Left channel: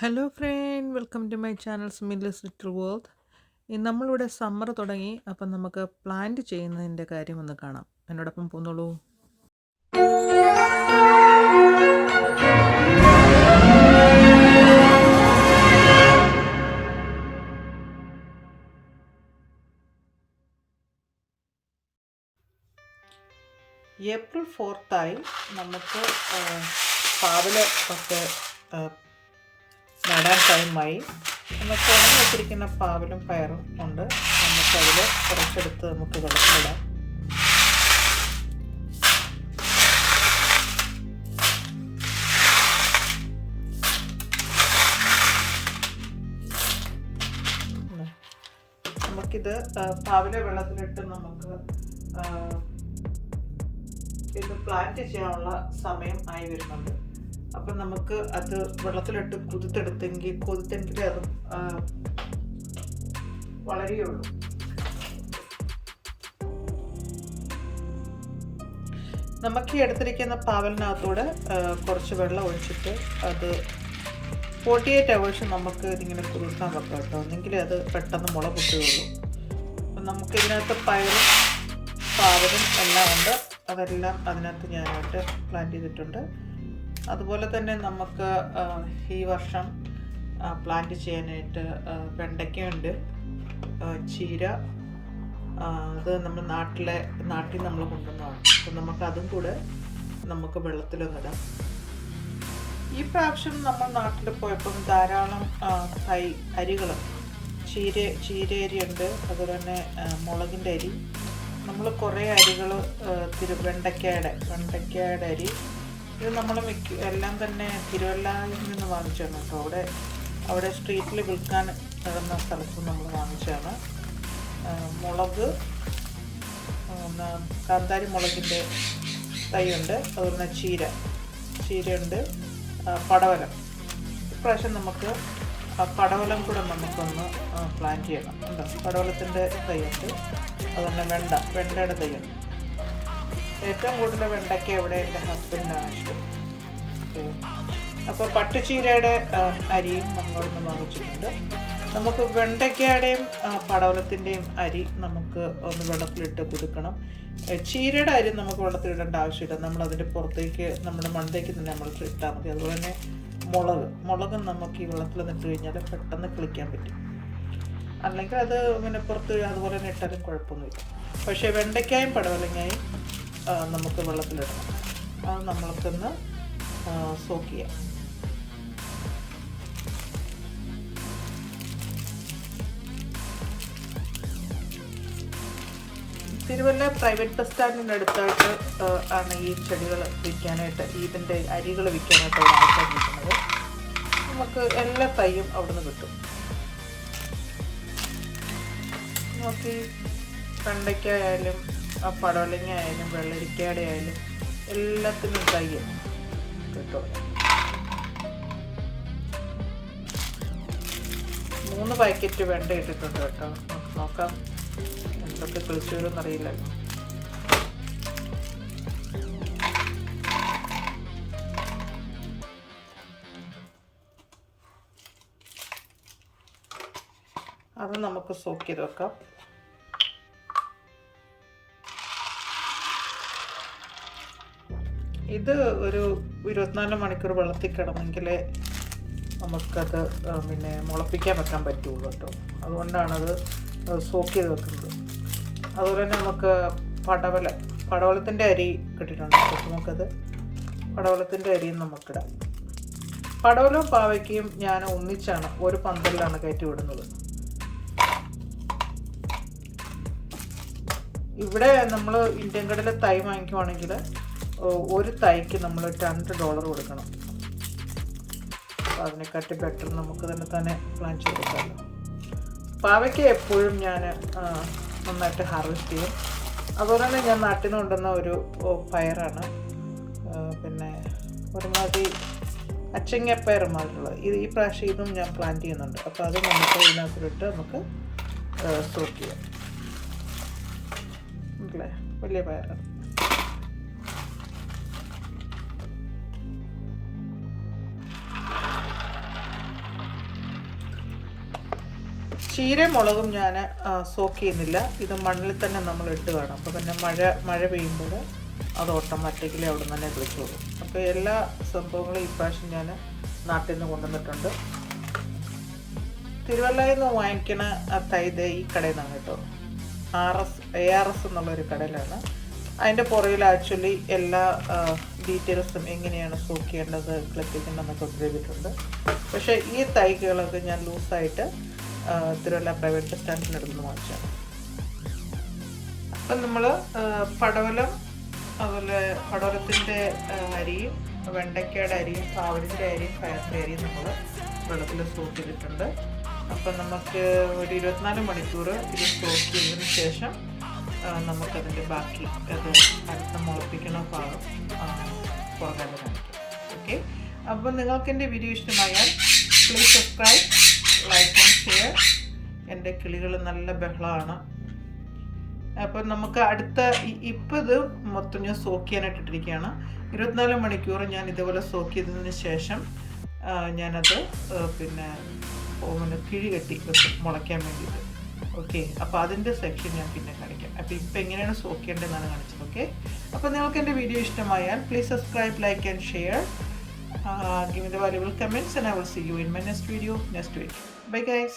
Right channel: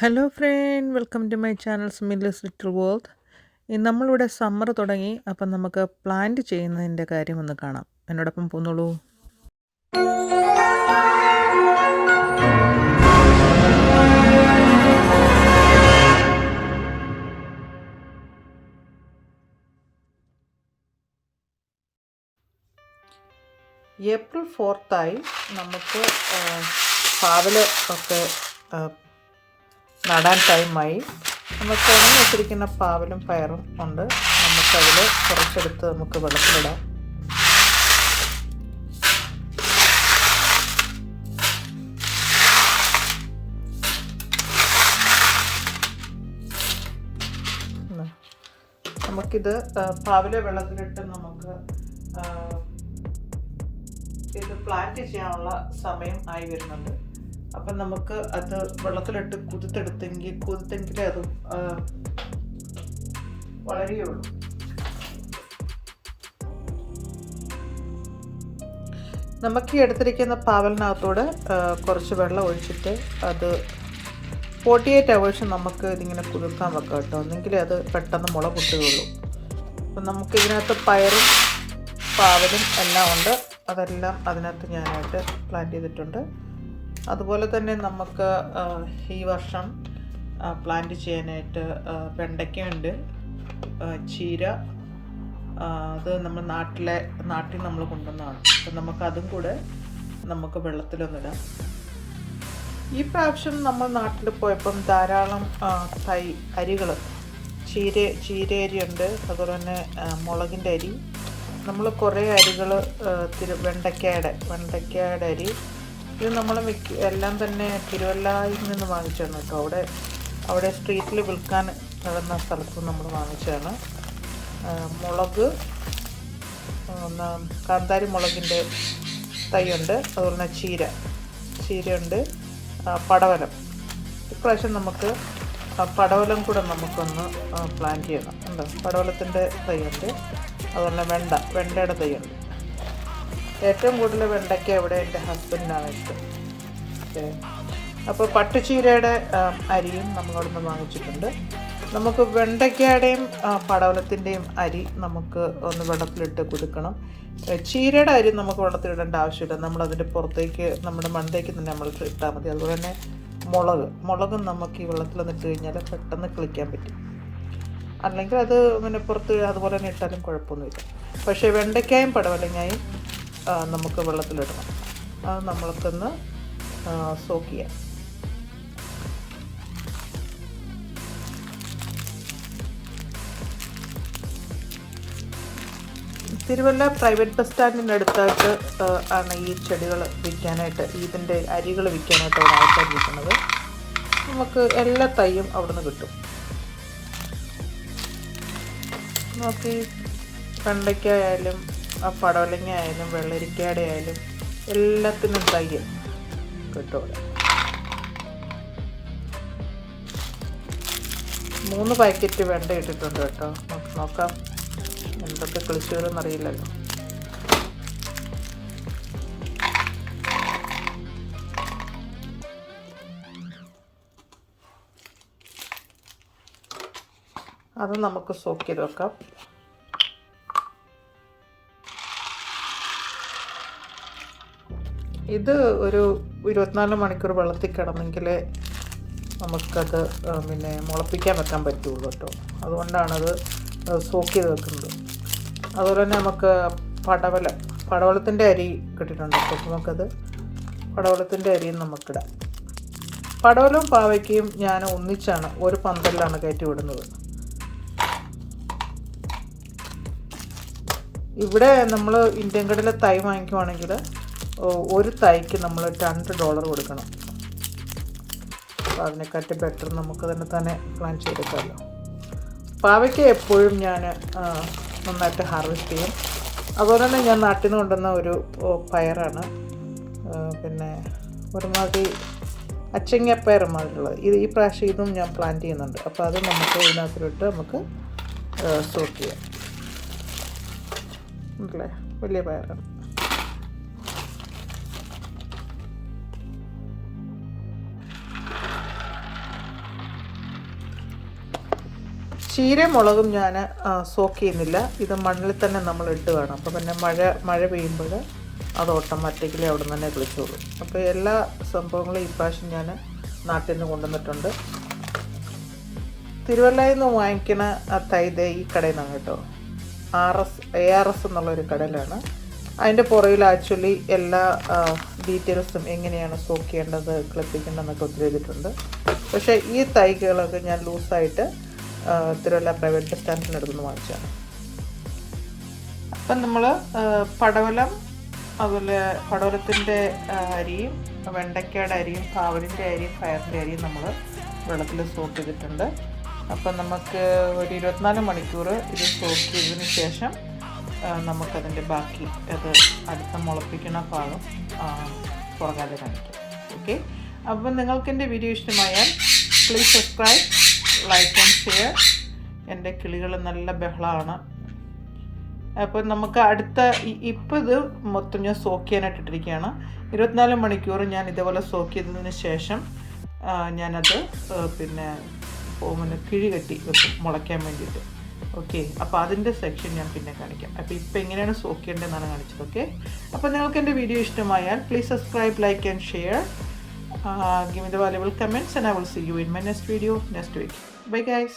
Hello friend, welcome to my channel Smileys little world. നമ്മളിവിടെ summer തുടങ്ങി, അപ്പം നമുക്ക് പ്ലാന്റ് ചെയ്യുന്നതിൻ്റെ കാര്യം ഒന്ന് കാണാം. എന്നോടൊപ്പം പോന്നോളൂ. ഏപ്രിൽ 4 നമുക്ക് പാവൽ ഒക്കെ നടാൻ ടൈമായി. നമുക്ക് ഉണങ്ങി വെച്ചിരിക്കുന്ന പാവലും പയറും ഉണ്ട്. നമുക്കതിൽ കുറച്ചെടുത്ത് നമുക്ക് വെള്ളത്തിലിടാം. നമുക്കിത് പാവലെ വെള്ളത്തിലിട്ട് നമുക്ക് ഇത് പ്ലാന്റ് ചെയ്യാനുള്ള സമയം ആയി വരുന്നുണ്ട്. അപ്പം നമുക്ക് അത് വെള്ളത്തിലിട്ട് കുതിർത്തെങ്കിലേ അത് വളരുകയുള്ളൂ. നമുക്ക് ഈ എടുത്തിരിക്കുന്ന പാവലിനകത്തോടെ കുറച്ച് വെള്ളം ഒഴിച്ചിട്ട് അത് 48 hours നമുക്ക് ഇതിങ്ങനെ കുതിർക്കാൻ വെക്കാം കേട്ടോ. എന്നെങ്കിലേ അത് പെട്ടെന്ന് മുള പൊട്ടുകയുള്ളൂ. അപ്പം നമുക്ക് ഇതിനകത്ത് പയറും പാവലും എല്ലാം ഉണ്ട്. അതെല്ലാം അതിനകത്ത് ഞാനായിട്ട് പ്ലാന്റ് ചെയ്തിട്ടുണ്ട്. അതുപോലെ തന്നെ നമുക്ക് ഈ വർഷം പ്ലാന്റ് ചെയ്യാനായിട്ട് വെണ്ടയ്ക്കയുണ്ട്, ചീര. അത് നമ്മൾ നാട്ടിൽ നമ്മൾ കൊണ്ടുവന്നതാണ്. അപ്പം നമുക്കതും കൂടെ നമുക്ക് വെള്ളത്തിലൊന്നിടാം. ഈ പ്രാവശ്യം നമ്മൾ നാട്ടിൽ പോയപ്പം ധാരാളം അരികൾ, ചീരയരിയുണ്ട്, അതുപോലെ തന്നെ മുളകിൻ്റെ അരി. നമ്മൾ കുറേ അരികൾ വെണ്ടയ്ക്കയുടെ അരി. ഇത് നമ്മൾ എല്ലാം തന്നെ തിരുവല്ലയിൽ നിന്ന് വാങ്ങിച്ചതാണ് കേട്ടോ. അവിടെ സ്ട്രീറ്റിൽ വിൽക്കാൻ കിടന്ന സ്ഥലത്ത് നമ്മൾ വാങ്ങിച്ചതാണ്. മുളക്, കാന്താരി മുളകിൻ്റെ തൈയുണ്ട്, അതുപോലെ തന്നെ ചീരയുണ്ട്, പടവലം. ഇപ്രാവശ്യം നമുക്ക് പടവലം കൂടെ നമുക്കൊന്ന് പ്ലാൻ ചെയ്യണം. ഉണ്ടോ, പടവലത്തിൻ്റെ തൈയുണ്ട്, അതുപോലെ വെണ്ടയുടെ തൈയുണ്ട്. ഏറ്റവും കൂടുതൽ വെണ്ടയ്ക്ക അവിടെ എൻ്റെ ഹസ്ബൻഡിനാണ് ഇഷ്ടം. അപ്പോൾ പട്ടുചീരയുടെ അരിയും നമ്മളൊന്ന് വാങ്ങിച്ചിട്ടുണ്ട്. നമുക്ക് വെണ്ടയ്ക്കയുടെയും പടവലത്തിൻ്റെയും അരി നമുക്ക് ഒന്ന് വെള്ളത്തിലിട്ട് കുതിർക്കണം. ചീരയുടെ അരി നമുക്ക് വെള്ളത്തിലിടേണ്ട ആവശ്യമില്ല. നമ്മളതിൻ്റെ പുറത്തേക്ക് നമ്മുടെ മണ്ടയ്ക്ക് തന്നെ നമ്മൾ ഇട്ടാൽ മതി. അതുപോലെ തന്നെ മുളക് നമുക്ക് ഈ വെള്ളത്തിൽ നിന്നിട്ട് കഴിഞ്ഞാൽ പെട്ടെന്ന് കിളിക്കാൻ പറ്റും. അല്ലെങ്കിൽ അത് പിന്നെ പുറത്ത് അതുപോലെ തന്നെ ഇട്ടാലും കുഴപ്പമൊന്നുമില്ല. പക്ഷേ വെണ്ടയ്ക്കായും പടവലങ്ങായും നമുക്ക് വെള്ളത്തിലിടണം. അത് നമ്മൾക്കൊന്ന് സോക്ക് ചെയ്യാം. തിരുവല്ല പ്രൈവറ്റ് ബസ് സ്റ്റാൻഡിൻ്റെ അടുത്തായിട്ട് ആണ് ഈ ചെടികൾ വിൽക്കാനായിട്ട്, ഇതിൻ്റെ അരികൾ വിൽക്കാനായിട്ട് അവിടെ ആൾക്കാർ വിൽക്കുന്നത്. നമുക്ക് എല്ലാ തൈയും അവിടുന്ന് കിട്ടും. നോക്കി, വെണ്ടയ്ക്ക ആയാലും പടവലങ്ങ ആയാലും വെള്ളരിക്കയുടെ ആയാലും എല്ലാത്തിനും തൈ കിട്ടും. 3 പാക്കറ്റ് വെണ്ട ഇട്ടിട്ടുണ്ട് കേട്ടോ. നോക്കാം എന്തൊക്കെ കിളിച്ചുകളെന്ന് അറിയില്ല. അത് നമുക്ക് സോക്ക് ചെയ്ത് വെക്കാം. ഇത് ഒരു 24 മണിക്കൂർ വെള്ളത്തിൽ കിടന്നെങ്കിൽ നമുക്കത് പിന്നെ മുളപ്പിക്കാൻ വെക്കാൻ പറ്റുള്ളൂ കേട്ടോ. അതുകൊണ്ടാണത് സോക്ക് ചെയ്ത് വെക്കുന്നത്. അതുപോലെ തന്നെ നമുക്ക് പടവലത്തിൻ്റെ അരി കിട്ടിയിട്ടുണ്ട് കേട്ടോ. നമുക്കത് പടവലത്തിൻ്റെ അരിയും നമുക്കിടാം. പടവലവും പാവയ്ക്കയും ഞാൻ ഒന്നിച്ചാണ് ഒരു പന്തലിലാണ് കയറ്റി വിടുന്നത്. ഇവിടെ നമ്മൾ ഇന്ത്യൻ കടയിൽ തൈ വാങ്ങിക്കുവാണെങ്കിൽ ഒരു തൈക്ക് നമ്മൾ $2 കൊടുക്കണം. അപ്പോൾ അതിനെക്കാട്ടി ബെറ്റർ നമുക്ക് തന്നെ പ്ലാൻ ചെയ്തെടുക്കാമല്ലോ. പാവയ്ക്ക എപ്പോഴും ഞാൻ നന്നായിട്ട് ഹാർവെസ്റ്റ് ചെയ്യും. അതുപോലെ തന്നെ ഞാൻ നാട്ടിൽ നിന്ന് കൊണ്ടുവന്ന ഒരു പയറാണ്, പിന്നെ ഒരുമാതിരി അച്ചങ്ങപ്പയർ മാതിരിയുള്ളത്. ഈ പ്രാവശ്യം ഇതും ഞാൻ പ്ലാൻ ചെയ്യുന്നുണ്ട്. അപ്പോൾ അത് നമുക്ക് ഇതിനകത്തിട്ട് നമുക്ക് സോക്ക് ചെയ്യാം. അല്ലേ, വലിയ പയർ. ചീരയും മുളകും ഞാൻ സോക്ക് ചെയ്യുന്നില്ല. ഇത് മണ്ണിൽ തന്നെ നമ്മൾ ഇട്ട് വേണം. അപ്പോൾ പിന്നെ മഴ പെയ്യുമ്പോൾ അത് ഓട്ടോമാറ്റിക്കലി അവിടെ നിന്ന് തന്നെ കിളിച്ചോളും. അപ്പോൾ എല്ലാ സംഭവങ്ങളും ഈ പ്രാവശ്യം ഞാൻ നാട്ടിൽ നിന്ന് കൊണ്ടുവന്നിട്ടുണ്ട്. തിരുവല്ലയിൽ നിന്ന് വാങ്ങിക്കണ തൈ ഈ കടയിൽ നിന്നാണ് കേട്ടോ. ARS എന്നുള്ളൊരു കടയിലാണ്. അതിൻ്റെ പുറകിൽ ആക്ച്വലി എല്ലാ ഡീറ്റെയിൽസും എങ്ങനെയാണ് സോക്ക് ചെയ്യേണ്ടത്, ക്ലിപ്പിക്കേണ്ടതെന്നൊക്കെ ഒത്തിരി ചെയ്തിട്ടുണ്ട്. പക്ഷേ ഈ തൈകളൊക്കെ ഞാൻ ലൂസായിട്ട് തിരുവല്ല പ്രൈവറ്റ് ബസ് സ്റ്റാൻഡിൻ്റെ അടുത്തുനിന്ന് വാങ്ങിച്ചതാണ്. അപ്പം നമ്മൾ പടവലം, അതുപോലെ പടവലത്തിൻ്റെ അരിയും വെണ്ടയ്ക്കയുടെ അരിയും പാവലിൻ്റെ അരിയും പയറിൻ്റെ അരിയും നമ്മൾ വെള്ളത്തിൽ സോക്ക് ചെയ്തിട്ടുണ്ട്. അപ്പം നമുക്ക് ഒരു 24 മണിക്കൂർ ഇത് സോക്ക് ചെയ്തതിന് ശേഷം നമുക്കതിൻ്റെ ബാക്കി അത് അടുത്ത മുളപ്പിക്കുന്ന ഭാഗം പുറകാതെ കാണിക്കാം. ഓക്കെ, അപ്പം നിങ്ങൾക്ക് എൻ്റെ വീഡിയോ ഇഷ്ടമായാൽ please subscribe, like and share. എൻ്റെ കിളികൾ നല്ല ബഹളമാണ്. അപ്പം നമുക്ക് അടുത്ത ഇപ്പോൾ ഇത് മൊത്തം ഞാൻ സോക്ക് ചെയ്യാനായിട്ട് ഇട്ടിരിക്കുകയാണ്. 24 മണിക്കൂർ ഞാൻ ഇതേപോലെ സോക്ക് ചെയ്തതിന് ശേഷം ഞാനത് പിന്നെ കിഴി കെട്ടി വെക്കും മുളയ്ക്കാൻ വേണ്ടിയിട്ട്. ഓക്കെ, അപ്പോൾ അതിൻ്റെ സെക്ഷൻ ഞാൻ പിന്നെ കാണിക്കാം. അപ്പോൾ ഇപ്പോൾ എങ്ങനെയാണ് സോക്ക് ചെയ്യേണ്ടതെന്നാണ് കാണിച്ചത്. ഓക്കെ, അപ്പോൾ നിങ്ങൾക്ക് എൻ്റെ വീഡിയോ ഇഷ്ടമായാൽ please subscribe, like and share. Give me the valuable comments and I will see you in my next video next week. Bye guys.